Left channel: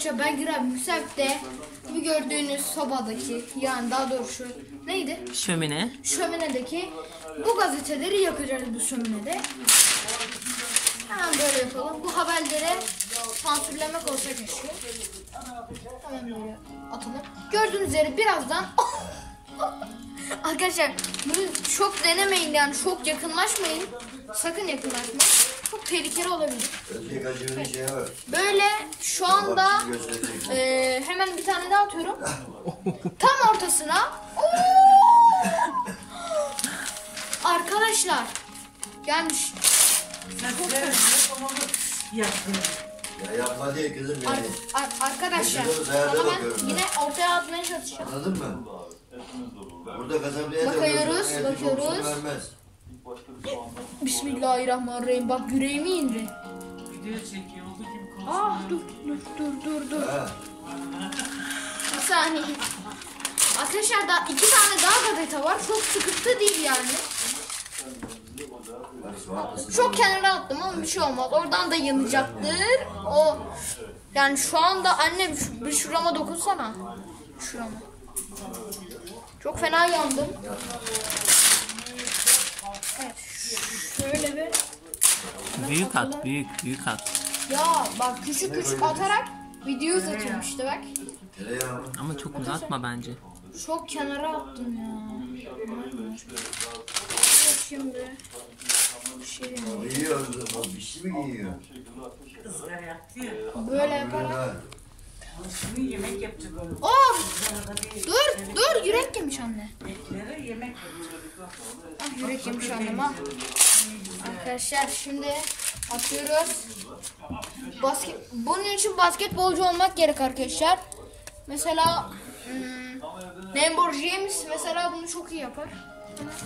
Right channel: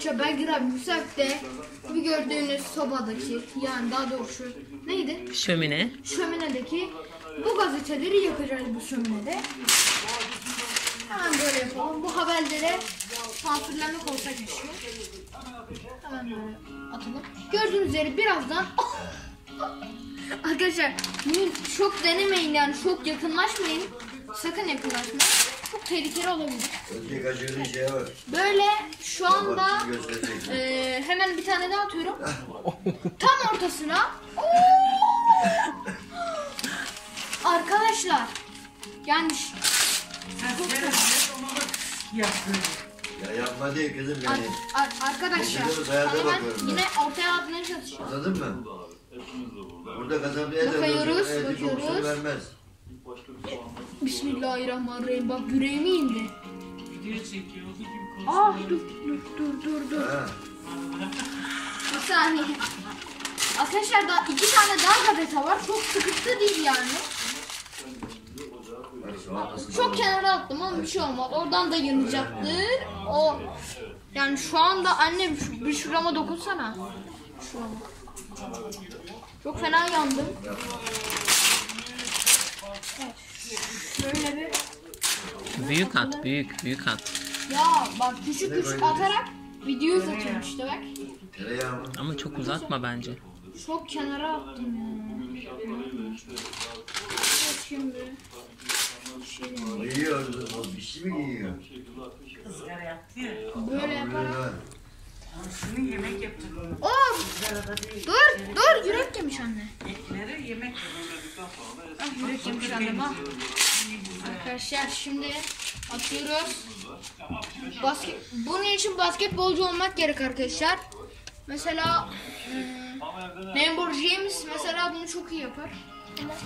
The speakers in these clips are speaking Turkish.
Koça Belgrad Müsef'te bu gördüğünüz sobadaki, yani daha doğrusu neydi? Şömine. Şöminedeki bu gazeteleri yakacağız bu şöminede. Hemen böyle yapalım. Bu haberlere sansürlemek olsa keşke. Hemen böyle atalım. Gördüğünüz üzere birazdan arkadaşlar bunu çok denemeyin, yani çok yakınlaşmayın. Sakın yakınlaşmayın. Çok tehlikeli olabilir. Böyle şu anda hemen bir tane daha atıyorum. Tam ortasına. Arkadaşlar yani Ya yapma değil kızım yani. Arkadaşlar ama ben yine ortaya atmaya çalışacağım. Anladın mı? Burada kazanmaya bakıyoruz. Vermez. Bismillahirrahmanirrahim. Bak yüreğime indi. video çekiyor olduğu gibi Dur. Bir saniye. Arkadaşlar daha 2 tane daha gazete var. Çok sıkıntı değil yani. Çok kenara attım ama bir şey olmaz. Oradan da yanacaktır. O yani şu anda annem bir şurama dokunsana. Şurama. Çok fena yandım. Evet. Şöyle bir. Büyük at, büyük at. Ya bak küçük atarak video uzatıyorum işte bak. Ama çok uzatma bence. Çok kenara attım ya. Şimdi. Yiyor, bir şey mi yiyor? ızgara yaptı ya. Böyle yaparak. Şimdi yemek yapacak onu. Dur yürek yemiş anne. Ekleri yemek Yürek yemiş anne bak. Arkadaşlar şimdi atıyoruz. Bunun için basketbolcu olmak gerek arkadaşlar. Mesela LeBron James mesela bunu çok iyi yapar.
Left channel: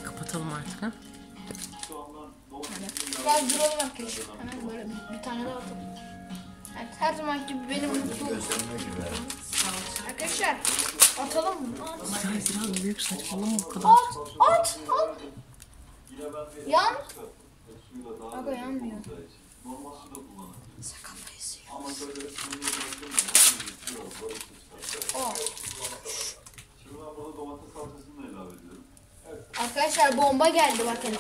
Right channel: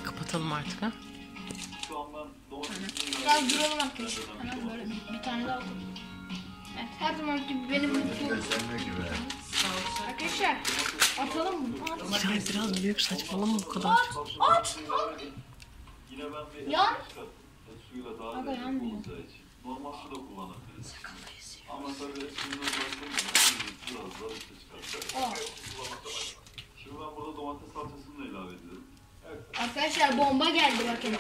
Kapatalım artık ha. Biraz duralım arkadaşlar. Hemen böyle bir tane daha atalım. Evet, her zaman gibi benim mutlu. Arkadaşlar atalım mı? İray biraz büyük, saçmalama bu kadar. At. Yan. Aga yanmıyor. Sakandayız. Arkadaşlar bomba geldi bakın.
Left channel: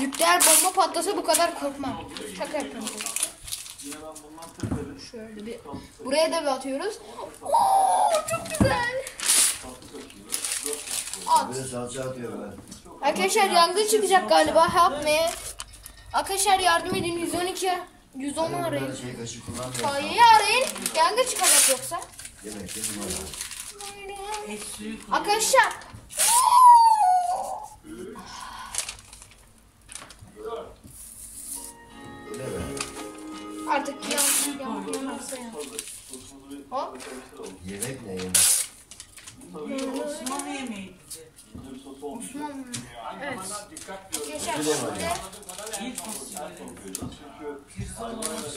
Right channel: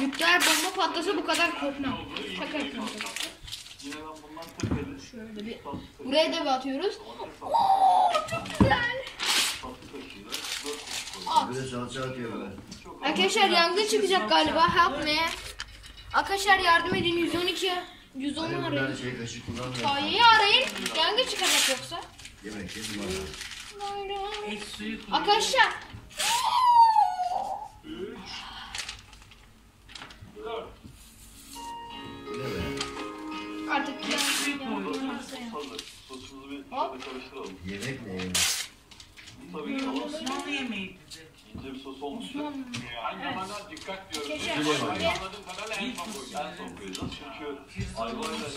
Nükleer bomba patlasa bu kadar korkmam. Şaka yapıyorum. Şöyle bir. Buraya da bir atıyoruz. Çok güzel. At. Arkadaşlar yangın çıkacak galiba. Help me. Arkadaşlar yardım edin. 112 110 arayın. Hayır arayın. Yangın çıkacak yoksa. et suyu Arkadaşlar. Artık yanarsa ya. Hop. Yemek ne yemek? Osmanlı yemeği bize. Evet.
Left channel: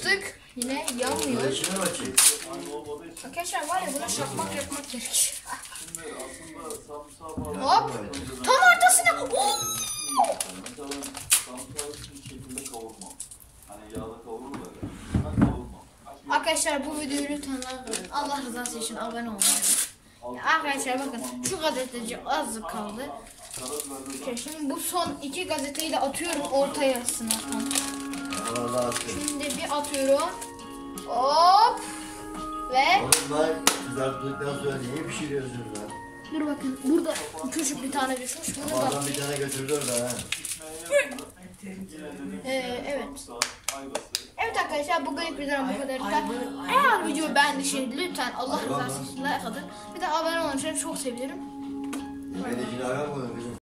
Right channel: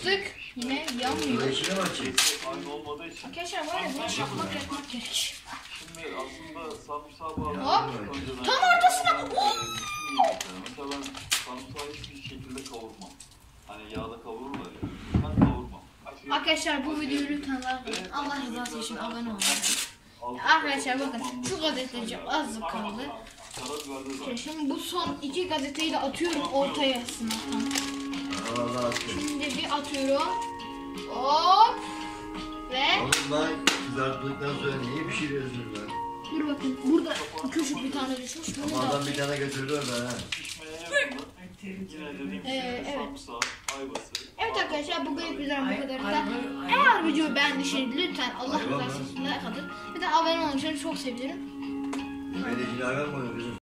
Sık yine yanmıyor. Arkadaşlar var ya bunu yapmak gerek. Hop. Tam ortasına. Arkadaşlar bu videoyu lütfen like, Allah rızası için abone olun. Arkadaşlar bakın şu gazeteci azıcık kaldı. Şimdi bu son 2 gazeteyi de atıyorum ortaya sınavdan. Şimdi bir atıyorum. Hop. Ve kızarttıktan sonra niye pişiriyorsunuz lan? dur bakın burada küçük bir tane düşmüş. Bunu da Adam bir tane götürdü oradan ha. evet. Evet arkadaşlar bugün videom bu kadar. Eğer video beğendiyseniz lütfen Allah rızası için like atın. Bir de abone olun, çok sevinirim. Yemeğine hayvan koyuyor kızım.